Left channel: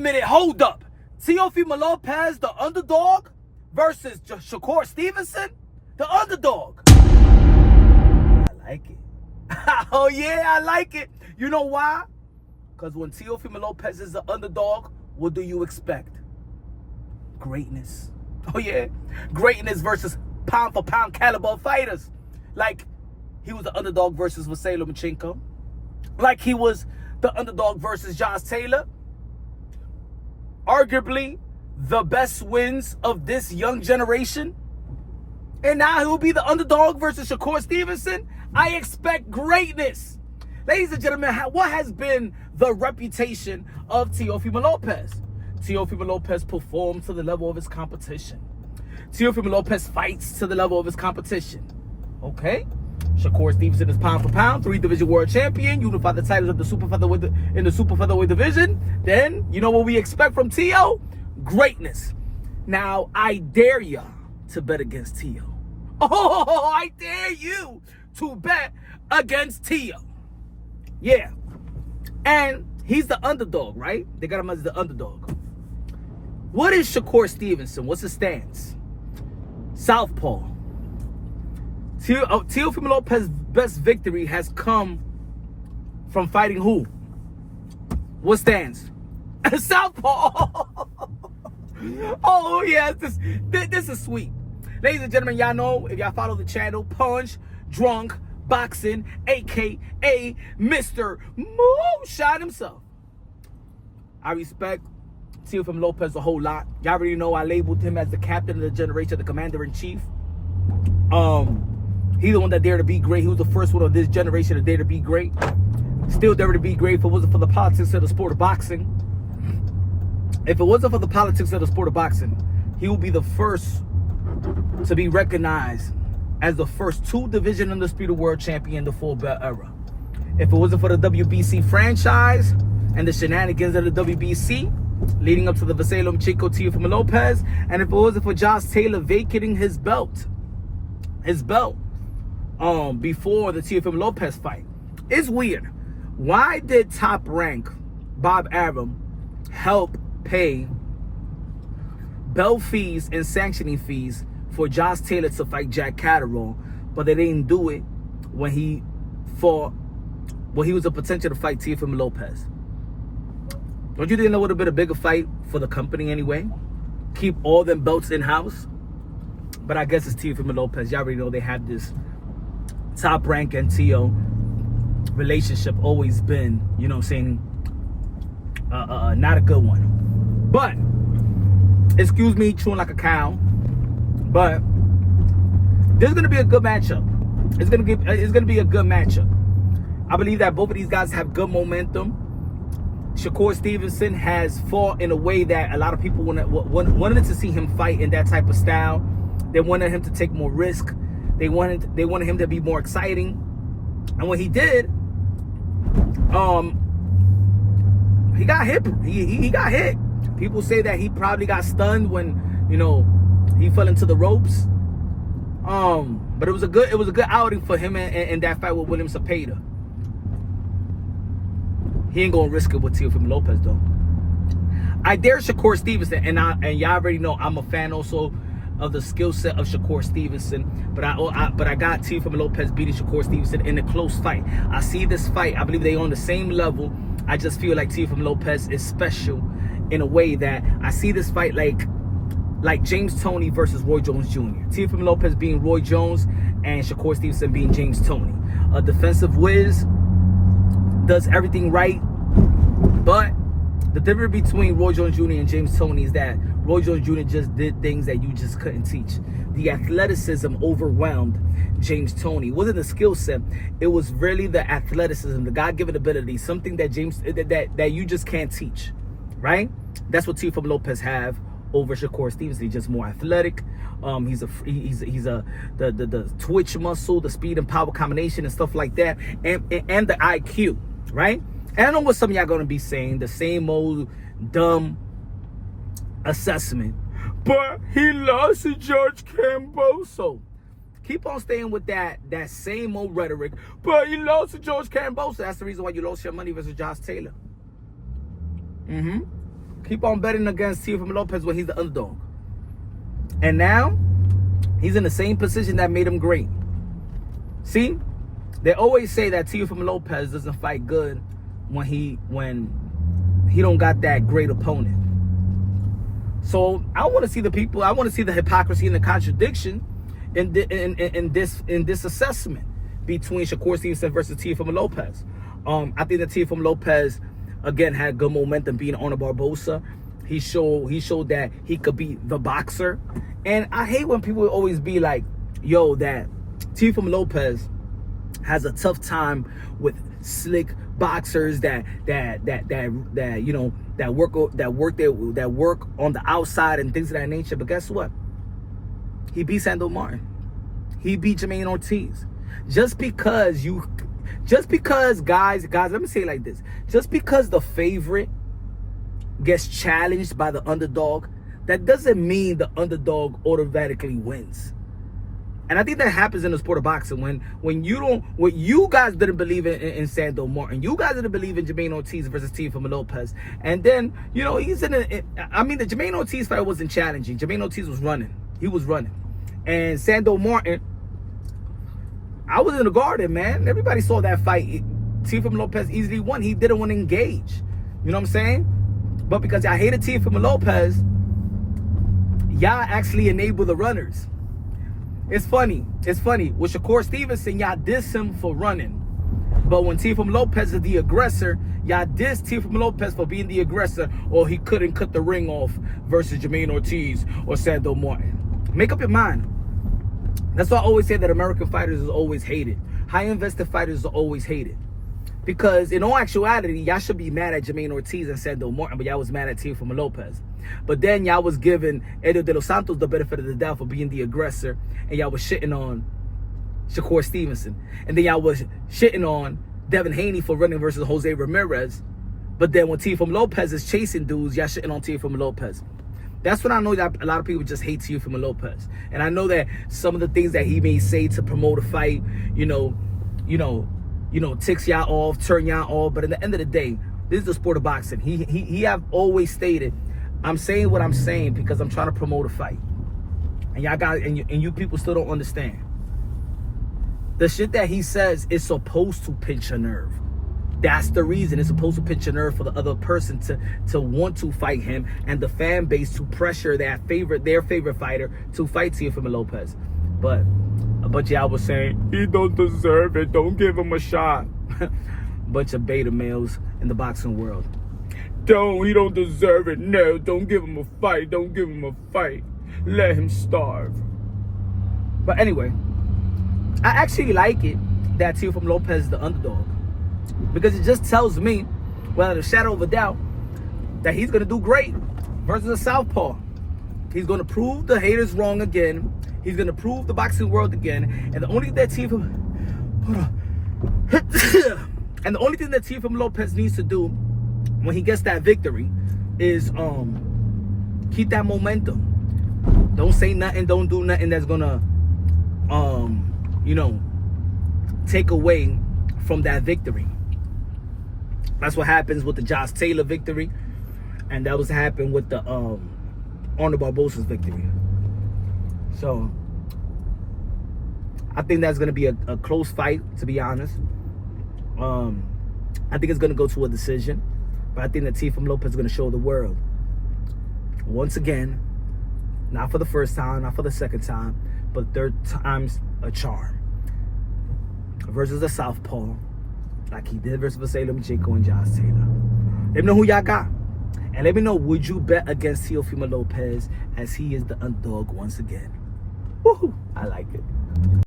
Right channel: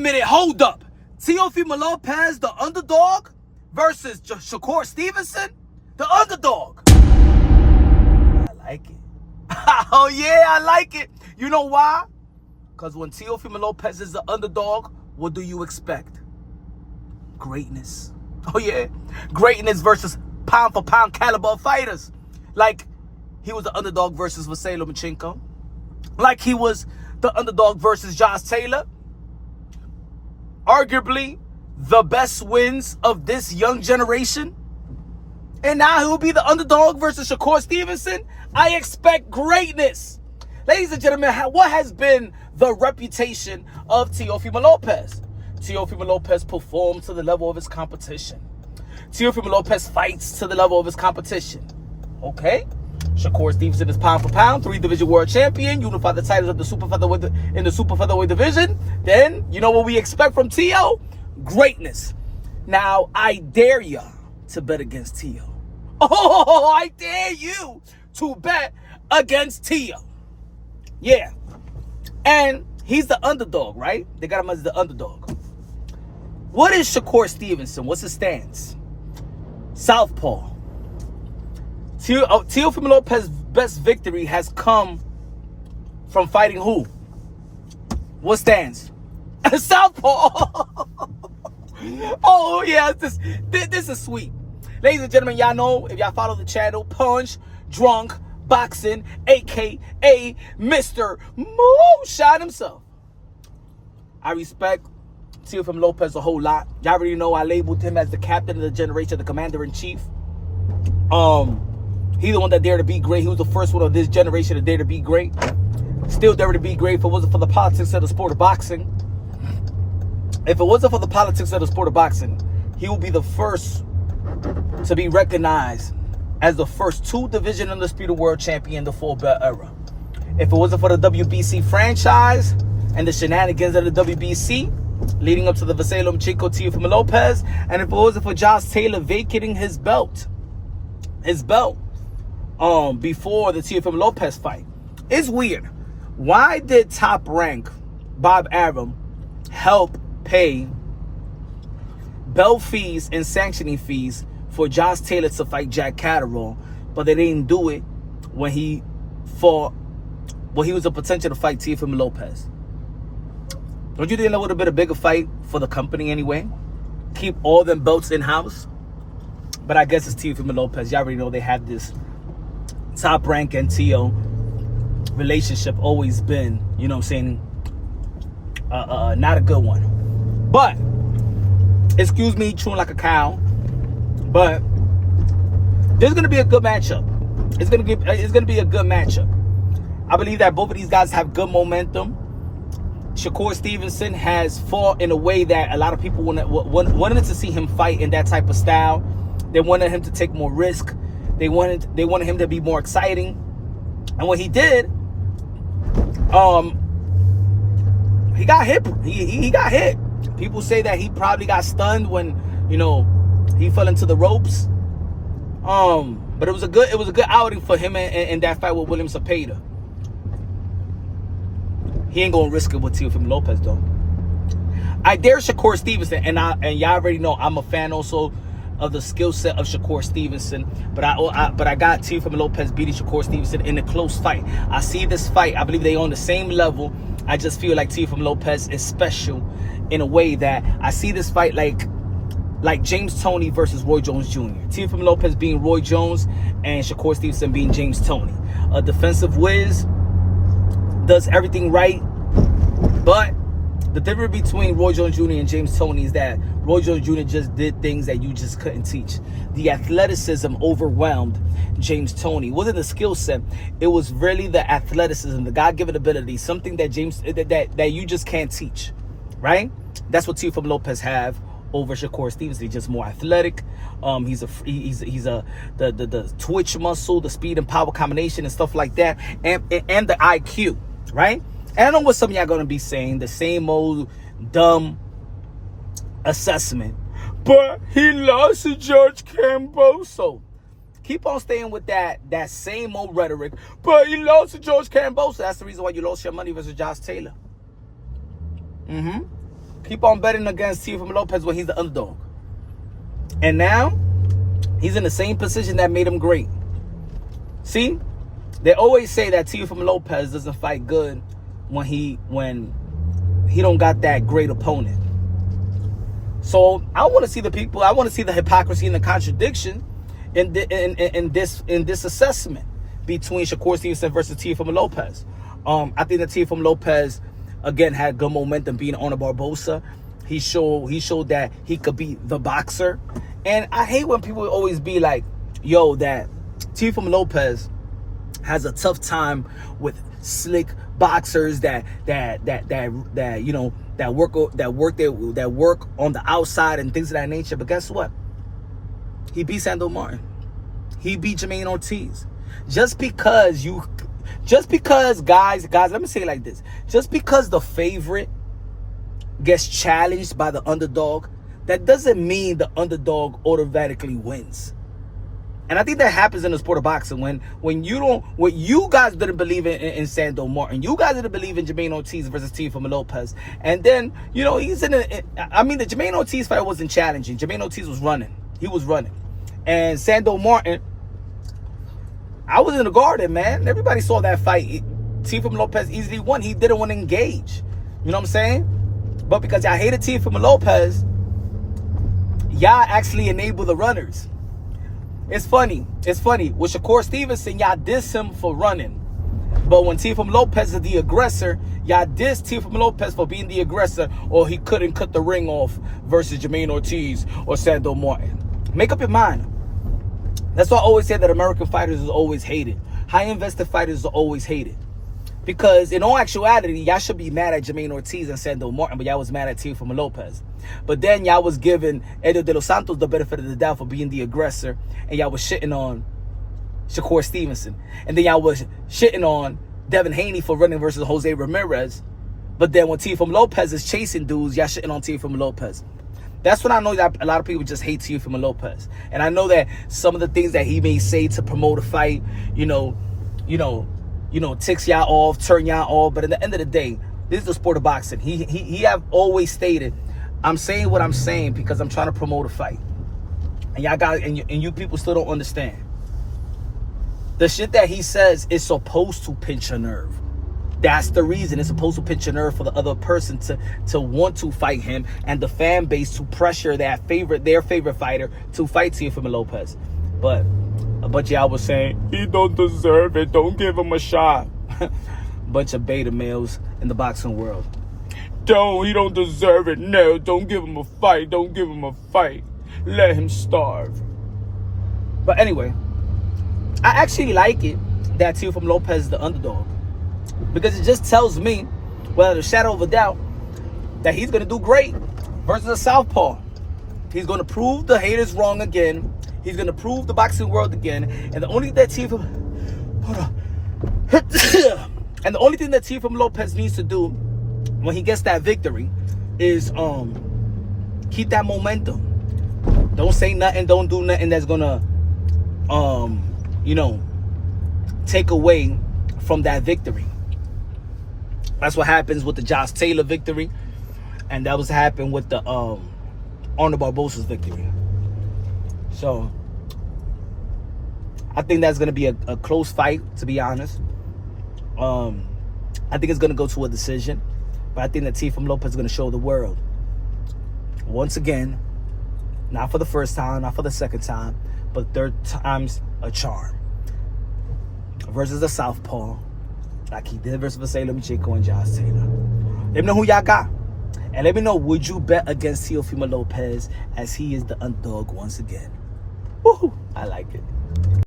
Minute, hold up. Teofimo Lopez, the underdog, versus Shakur Stevenson, the underdog. I like it. Oh, yeah, I like it. You know why? Because when Teofimo Lopez is the underdog, what do you expect? Greatness. Oh, yeah. Greatness versus pound-for-pound caliber fighters. Like, he was the underdog versus Vasyl Lomachenko. Like, he was the underdog versus Josh Taylor. Arguably the best wins of this young generation. And now he will be the underdog versus Shakur Stevenson. I expect greatness. Ladies and gentlemen, what has been the reputation of Teofimo Lopez? Teofimo Lopez performs to the level of his competition. Teofimo Lopez fights to the level of his competition. Okay? Shakur Stevenson is pound for pound, 3-division world champion, unified the titles of the super featherweight in the super featherweight division. Then, you know what we expect from Teo? Greatness. Now, I dare ya to bet against Teo. Oh, I dare you to bet against Teo. Yeah. And he's the underdog, right? They got him as the underdog. What is Shakur Stevenson? What's his stance? Southpaw. Teofimo Lopez's best victory has come from fighting who? What stance? Southpaw. Oh, yeah, this is sweet. Ladies and gentlemen, y'all know, if y'all follow the channel, Punch Drunk Boxing, a.k.a. Mr. Moonshine himself. I respect Teofimo Lopez a whole lot. Y'all already know I labeled him as the captain of the generation, the commander-in-chief. He's the one that dared to be great. He was the first one of this generation to dare to be great. Still dare to be great if it wasn't for the politics of the sport of boxing. If it wasn't for the politics of the sport of boxing, he would be the first to be recognized as the first 2-division undisputed world champion in the full belt era. If it wasn't for the WBC franchise and the shenanigans of the WBC leading up to the Vasyl Lomachenko Teofimo Lopez, and if it wasn't for Josh Taylor vacating his belt before the Teofimo Lopez fight. It's weird. Why did Top Rank Bob Arum help pay belt fees and sanctioning fees for Josh Taylor to fight Jack Catterall, but they didn't do it when he fought, well, he was a potential to fight Teofimo Lopez? Don't you think that would have been a bigger fight for the company anyway? Keep all them belts in-house? But I guess it's Teofimo Lopez. Y'all already know they have this Top Rank and Teo relationship, always been, you know what I'm saying, not a good one. But, excuse me chewing like a cow, but there's going to be a good matchup. It's going to be a good matchup. I believe that both of these guys have good momentum. Shakur Stevenson has fought in a way that a lot of people wanted to see him fight in that type of style. They wanted him to take more risk. They wanted him to be more exciting. And when he did, he got hit. He got hit. People say that he probably got stunned when, you know, he fell into the ropes. But it was a good outing for him in that fight with William Cepeda. He ain't gonna risk it with Teofimo Lopez though. I dare Shakur Stevenson, and y'all already know I'm a fan also of the skill set of Shakur Stevenson. But I got Teofimo Lopez beating Shakur Stevenson in a close fight. I see this fight. I believe they on the same level. I just feel like Teofimo Lopez is special in a way that I see this fight like James Toney versus Roy Jones Jr. Teofimo Lopez being Roy Jones and Shakur Stevenson being James Toney. A defensive whiz, does everything right, but the difference between Roy Jones Jr. and James Toney is that Roy Jones Jr. just did things that you just couldn't teach. The athleticism overwhelmed James Toney. It wasn't the skill set, it was really the athleticism, the God-given ability, something that that you just can't teach, right? That's what Teofimo Lopez have over Shakur Stevenson. He's just more athletic. He's the twitch muscle, the speed and power combination and stuff like that, and the IQ, right? And I know what some of y'all gonna be saying, the same old dumb assessment, but he lost to George Camboso. Keep on staying with that same old rhetoric, but he lost to George Camboso. That's the reason why you lost your money versus Josh Taylor. Keep on betting against Teofimo Lopez when he's the underdog. And now, he's in the same position that made him great. See? They always say that Teofimo Lopez doesn't fight good when he don't got that great opponent. So I want to see the people. I want to see the hypocrisy and the contradiction in this assessment between Shakur Stevenson versus Teofimo Lopez. I think that Teofimo Lopez again had good momentum being on Barbosa. He showed that he could be the boxer. And I hate when people always be like, "Yo, that Teofimo Lopez has a tough time with slick boxers that work on the outside and things of that nature." But guess what? He beat Sandor Martin. He beat Jermaine Ortiz. Just because guys, let me say it like this. Just because the favorite gets challenged by the underdog, that doesn't mean the underdog automatically wins. And I think that happens in the sport of boxing when you guys didn't believe in Sandor Martin. You guys didn't believe in Jermaine Ortiz versus Teofimo Lopez. And then, the Jermaine Ortiz fight wasn't challenging. Jermaine Ortiz was running. He was running. And Sandor Martin, I was in the garden, man. Everybody saw that fight. Teofimo Lopez easily won. He didn't want to engage. You know what I'm saying? But because y'all hated Teofimo Lopez, y'all actually enabled the runners. It's funny. With Shakur Stevenson, y'all diss him for running. But when Teofimo Lopez is the aggressor, y'all diss Teofimo Lopez for being the aggressor, or he couldn't cut the ring off versus Jermaine Ortiz or Sandor Martin. Make up your mind. That's why I always say that American fighters is always hated. High-invested fighters are always hated. Because in all actuality, y'all should be mad at Jermaine Ortiz and Sandor Martin, but y'all was mad at Teofimo Lopez. But then y'all was giving Eddie De Los Santos the benefit of the doubt for being the aggressor, and y'all was shitting on Shakur Stevenson. And then y'all was shitting on Devin Haney for running versus Jose Ramirez. But then when Teofimo Lopez is chasing dudes, y'all shitting on Teofimo Lopez. That's when I know that a lot of people just hate Teofimo Lopez. And I know that some of the things that he may say to promote a fight, ticks y'all off, turn y'all off. But at the end of the day, this is the sport of boxing. He have always stated, I'm saying what I'm saying because I'm trying to promote a fight. And y'all guys, and you people still don't understand. The shit that he says is supposed to pinch a nerve. That's the reason. It's supposed to pinch a nerve for the other person to want to fight him, and the fan base to pressure their favorite fighter to fight Teofimo Lopez. But a bunch of y'all was saying, he don't deserve it, don't give him a shot. Bunch of beta males in the boxing world. He don't deserve it. No, don't give him a fight. Don't give him a fight. Let him starve. But anyway, I actually like it that Teofimo Lopez is the underdog. Because it just tells me, without a shadow of a doubt, that he's going to do great versus a Southpaw. He's going to prove the haters wrong again. He's going to prove the boxing world again. And the only thing that Teofimo Lopez needs to do when he gets that victory is keep that momentum. Don't say nothing, don't do nothing that's gonna take away from that victory. That's what happens with the Josh Taylor victory, and that was happened with the Arnold Barbosa's victory. So I think that's gonna be a close fight, to be honest. I think it's gonna go to a decision. But I think that Teofimo Lopez is going to show the world, once again, not for the first time, not for the second time, but third time's a charm. Versus the Southpaw, like he did versus Vasyl, Lomachenko, and Josh Taylor. Let me know who y'all got. And let me know, would you bet against Teofimo Lopez as he is the underdog once again? Woohoo! I like it.